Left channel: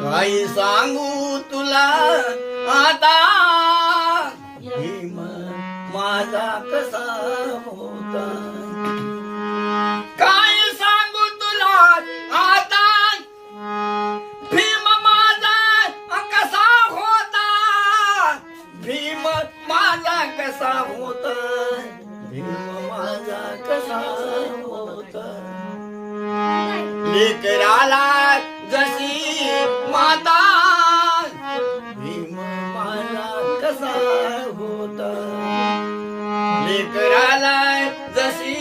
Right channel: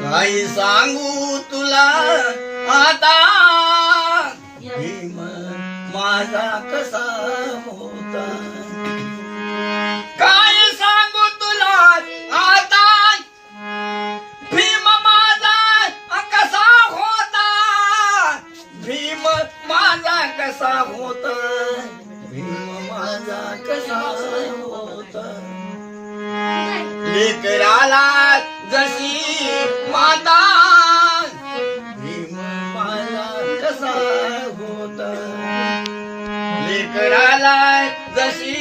काही सांगू तुला आता भीम माझा कसा होता. काय सांगू तुला आता भीम माझा कसा होता. भीम माझा कसा होता. भीम माझा कसा होता. लेकराला जशी माता भीम माझा कसा होता. लेकराला जशी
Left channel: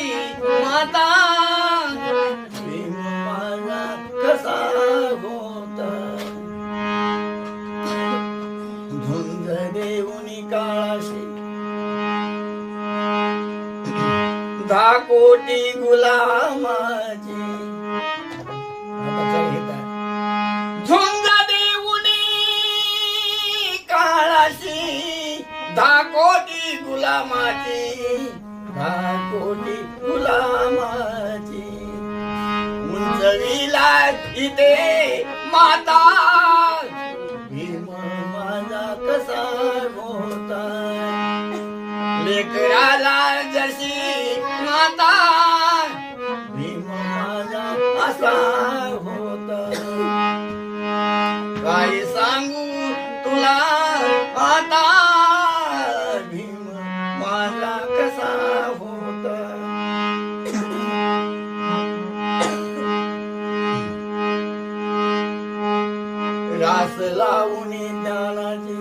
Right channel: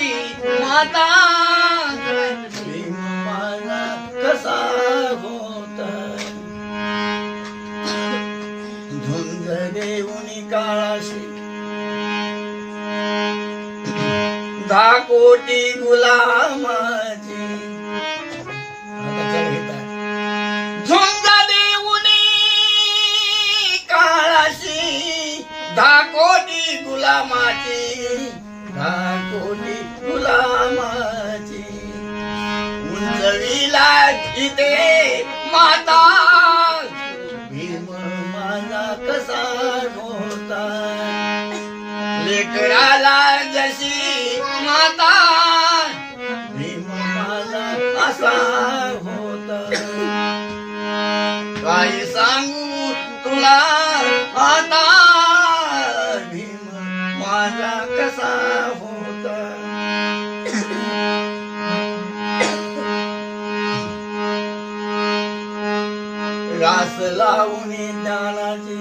माता भीम माझा कसा होता. झुंज देऊनी काळाशी 10 कोटी गुलामाची. झुंज देऊनी काळाशी 10 कोटी गुलामाची. 10 कोटी गुलामाची. उंचविला इथे माता भीम माझा कसा होता. लेकराला जशी माता भीम माझा असा होता. काय सांगू तुला आता भीम माझा कसा होता. रास लावून ज्ञानाची